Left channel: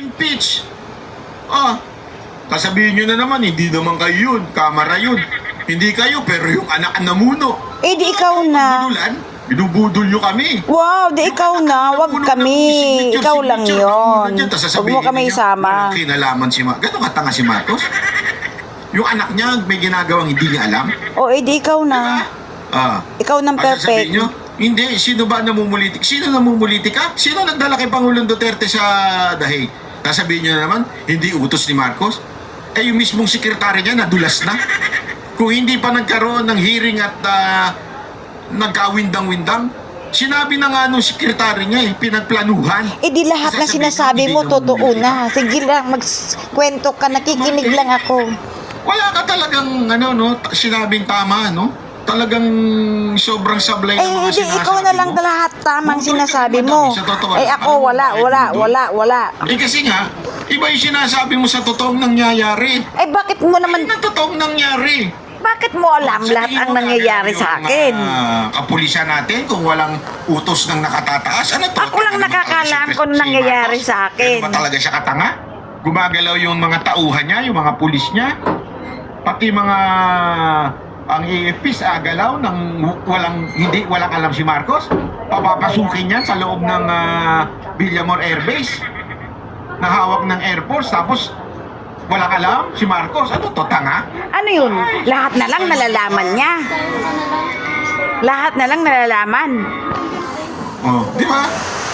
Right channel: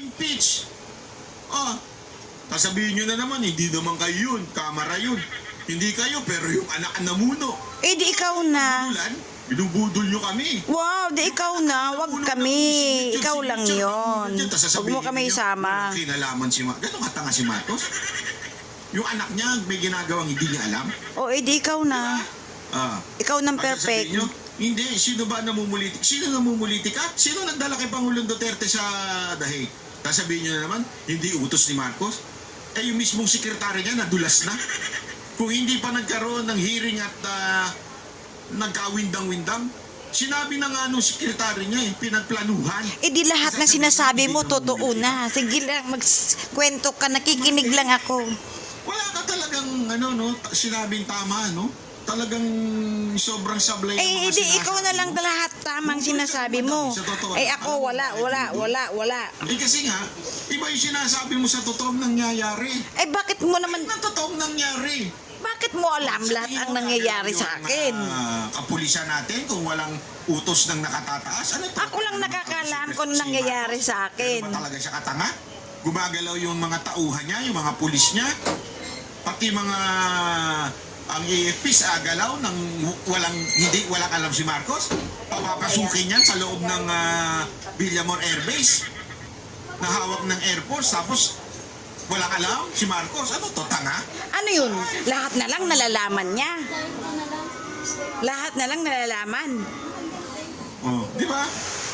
Impeach. Kasabihin nyo na naman, hindi naman kayo yun. Kamara yun. Hindi kayo, pero yung anak na muno. Eh, di ikaw na. Budulan, binubudol nyo kami. Wow, di ikaw na. Wag kami. Ikaw lang yun. Huwag mo kami isama. Walang kinalaman si Marcos. Gano'ng katanga si Marcos? Yung anak niya, may ginagawang hindi niya alam. O, eh, di ikaw na. Ikaw nang perfect. Nyo, hindi, sino ba namumulitik? Sino namumulitik ka? Sino nagdala kay Pangulong Duterte sa dahig? Sasabihin nyo na naman, hindi utos ni Marcos. Eh, yung mismong sekretary niya, nadulas na. Kung hindi pa nagkaroon ng hearing at nagkawindang-windang, sinabi na nga nung sekretary niya, pinagplanuhan. Eh, di lahat na sinasabi mo, totoo na. Sige lang, magkwento ka, nakikinig lang ako. Wala ka talagang, sinabing tama, no? Talagang sobrang sablay ng mga di sinasabi ikaw na lang mo. lahat tamang sinasabi mo. Eh ako, wala. Eh kasi nga, iba yung sinasabi mo sa totoong nangyayari. Eh bakit mo naman, Ano totoong nangyari? bakit mo alam lahat ang nangyayari sa akin? Kapulisan natin kung walang utos ng nakatataas. Ano to? Ako lang nakakalam kung nangyayari sa akin. Ba talaga siya katanga? Gumagalaw yung mga tauhan niya, yung mga pulis niya. Pati mga ang AFPs galaw ng walang alam si Marcos. Papapasukin yan sa loob ng Villamor Air Base na hawak ng Air Force, tapos walang alam si Marcos. Ano to, tanga? Ano yun? Lahat na lang nalalaman niya. Lahat na lang nalalaman. Di ba?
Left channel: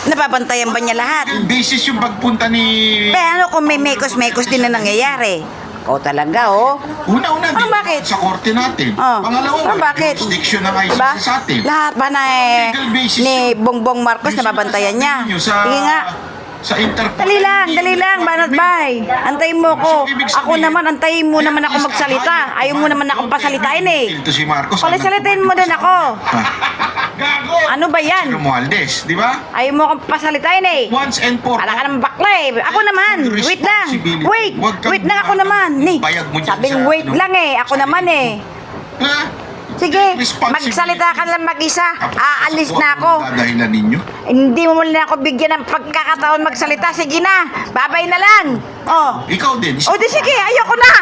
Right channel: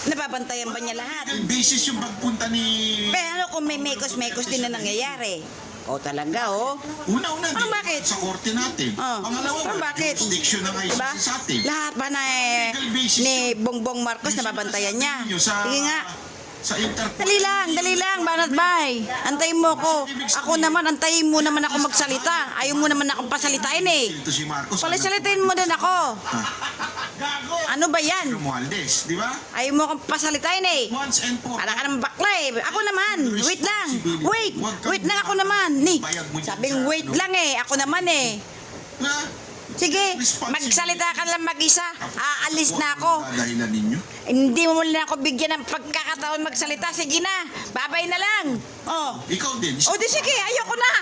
Nababantayan ba niya lahat? Basis yung pagpunta ni... Pero ano kung may mekos-mekos din na nangyayari? O talaga, Una-una, Ah, bakit? sa korte natin. Pangalawa, bakit? jurisdiction ng ICC Diba? sa atin. Lahat ba na Legal basis ni yun. Bongbong Marcos nababantayan niya? Sige nga. Sa Interpol. Dali lang, Banat Bay. Antayin mo ko. Ako naman, antayin mo naman ako magsalita. Ayaw mo naman akong pasalitain eh. Ito si Marcos. Palisalitain mo din ako. Gago! Ano ba yan? Romualdez, di ba? Ayaw mo akong pasalitain eh. Once and for Para ka naman bakla eh. Ako naman. Wait lang. Wait lang ako naman. Sabing wait lang eh. Ako naman eh. Ha? Sige, magsalita ka lang mag-isa. Aalis na ako. Dadahilan ninyo? Hindi mo muna ako bigyan ng pagkakataon magsalita. Sige na, babay na lang. Ikaw din. O di sige, ayoko na.